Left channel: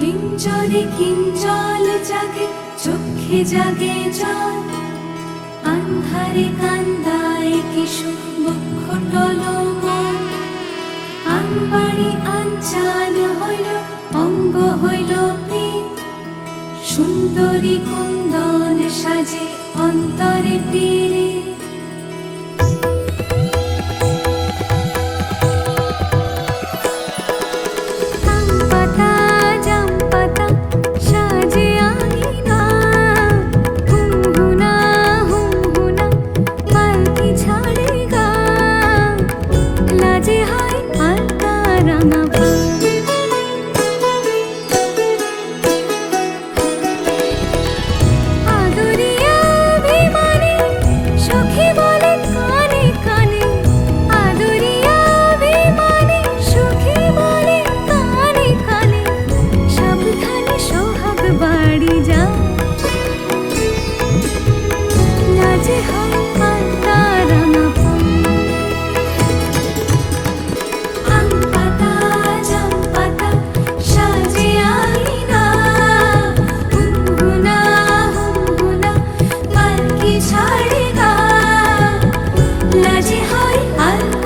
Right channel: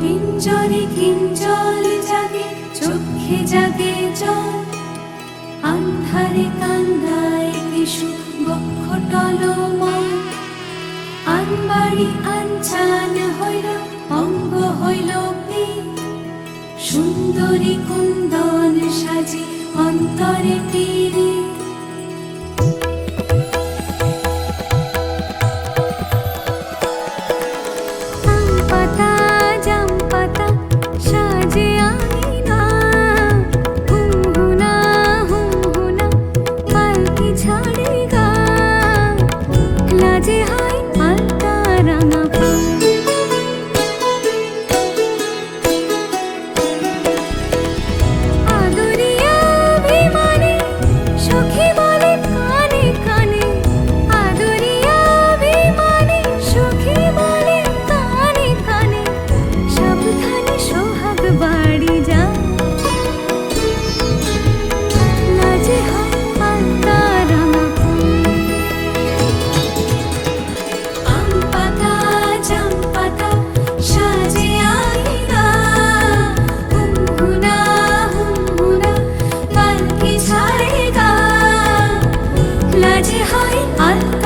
কিঞ্জলে কিঞ্জল জাগে, চোখে জাগে জল, আন্ধারে কান্দায় কিশু বক্ষ টলমল। আনবাড়ি আনচান হইল, অঙ্গ হইল পীত, সুন্দরী কুন্দন সাজে অন্তরে তীরে। বাড়ি যা লাজে হয় আলতা রাঙা পান। আম পাতা জাম পাতা সাজে আইনা, হুমহুনা হুমহুনা পালকি ছাড়ে গা, লাজে হয় আলতা